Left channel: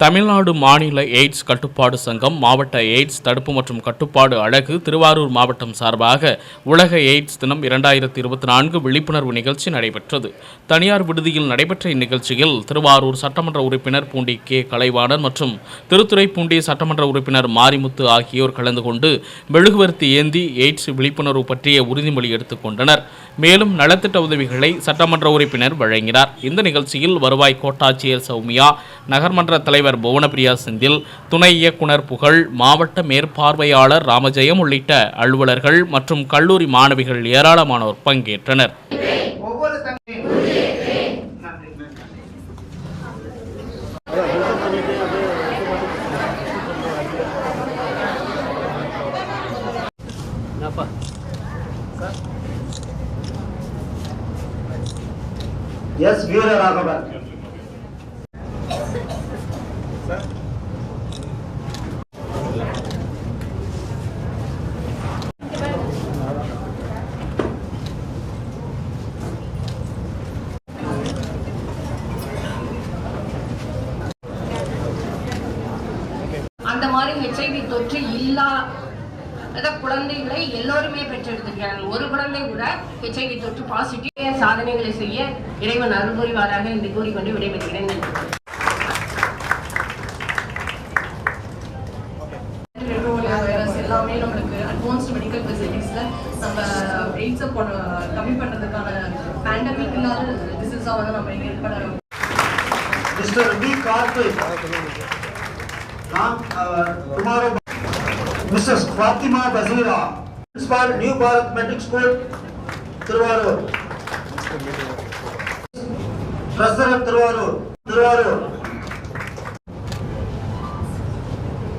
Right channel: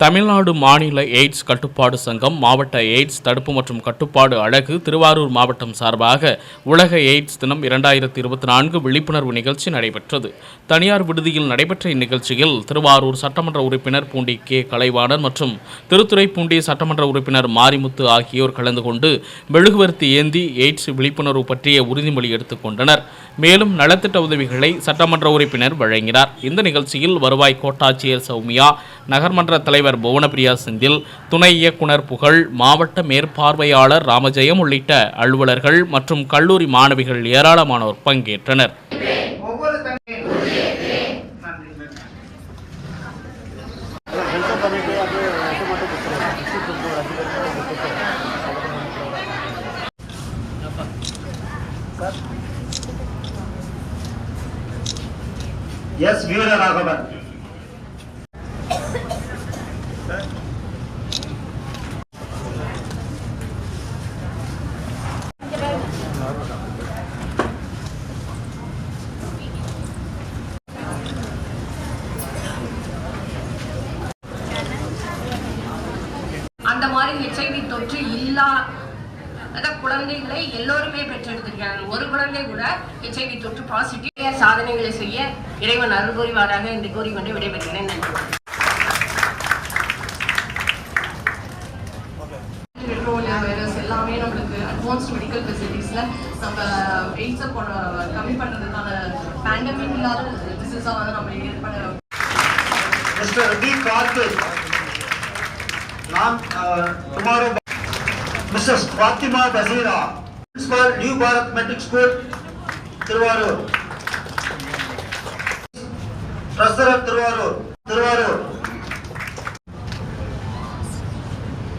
தமிழ்நாடு மாநில எய்ட்ஸ் கட்டுப்பாடு சங்கம் மாவட்ட எய்ட்ஸ் தடுப்பு மற்றும் கட்டுப்பாடு அழகு திருவாரூர் மாவட்டம் சார்பாக உலக எய்ட்ஸ் தினம் இரண்டாயிரத்தி இருபத்தி நான்கு விழிப்புணர்வு நிகழ்ச்சி நடைபெற்றது. தனியார் விடுதியில் நடைபெற்ற இந்நிகழ்ச்சியில் திருவாரூர் சட்டமன்ற உறுப்பினர் பூண்டி கே. கலைவாணன் மற்றும் திருத்துறைப்பூண்டி சட்டமன்ற உறுப்பினர் மாரிமுத்து ஆகியோர் கலந்து கொண்டு மெழுகுவர்த்தி ஏந்தி எய்ட்ஸ் விழிப்புணர்வு பற்றிய உறுதிமொழி எடுத்துக் கொண்டனர். மேலும் நலத்திட்ட உதவிகளை சட்டமன்ற உறுப்பினர் வழங்கினார். இந்த நிகழ்ச்சியில் வருவாய் கோட்டாட்சியர் சௌமியா நகர்மன்ற தலைவர் புவனப்பிரியா செந்தில் துணை இயக்குனர் புகழ் மாவட்ட மேற்பார்வையாளர் ராமஜெயம் உள்ளிட்ட அலுவலர்கள் மற்றும் கல்லூரி மாணவிகள் ஏராளமானோர் பங்கேற்றனர். ஒவ்வொரு தனியும் நன்றி அந்த மாதிரி ஹெச்ஐவி தொற்று இல்லா அத குழந்தைகளை எல்லோருமே பெற்றெடுத்திருக்கிறார்கள். ஒரு குழந்தை கூட ஹெச்ஐவி தொற்று பாசிட்டிவ் சாதனைகளை செய்ய இறைவன் அருள் புரிவாராக என்று கூறிக்கொண்டு விடைபெறுகிறேன். நன்றி. எல்லாமே நம்மளுக்கு அட்வான்ஸ்ட் மெடிக்கல் ஃபெசிலிட்டிஸில் நம்ம எய்ட்ஸை கம்மி பண்ணுறதுக்கான பேண்டமிக் இல்லாத டிசீஸாக வந்து நம்ம ஏற்பட மிஸ்டர் டி கார்த்திக் நாம் tomorrow Mrs Fathima Thasira principal new Bharat matric school Thiruvarur treasurer Thiruvarur Thiruvarur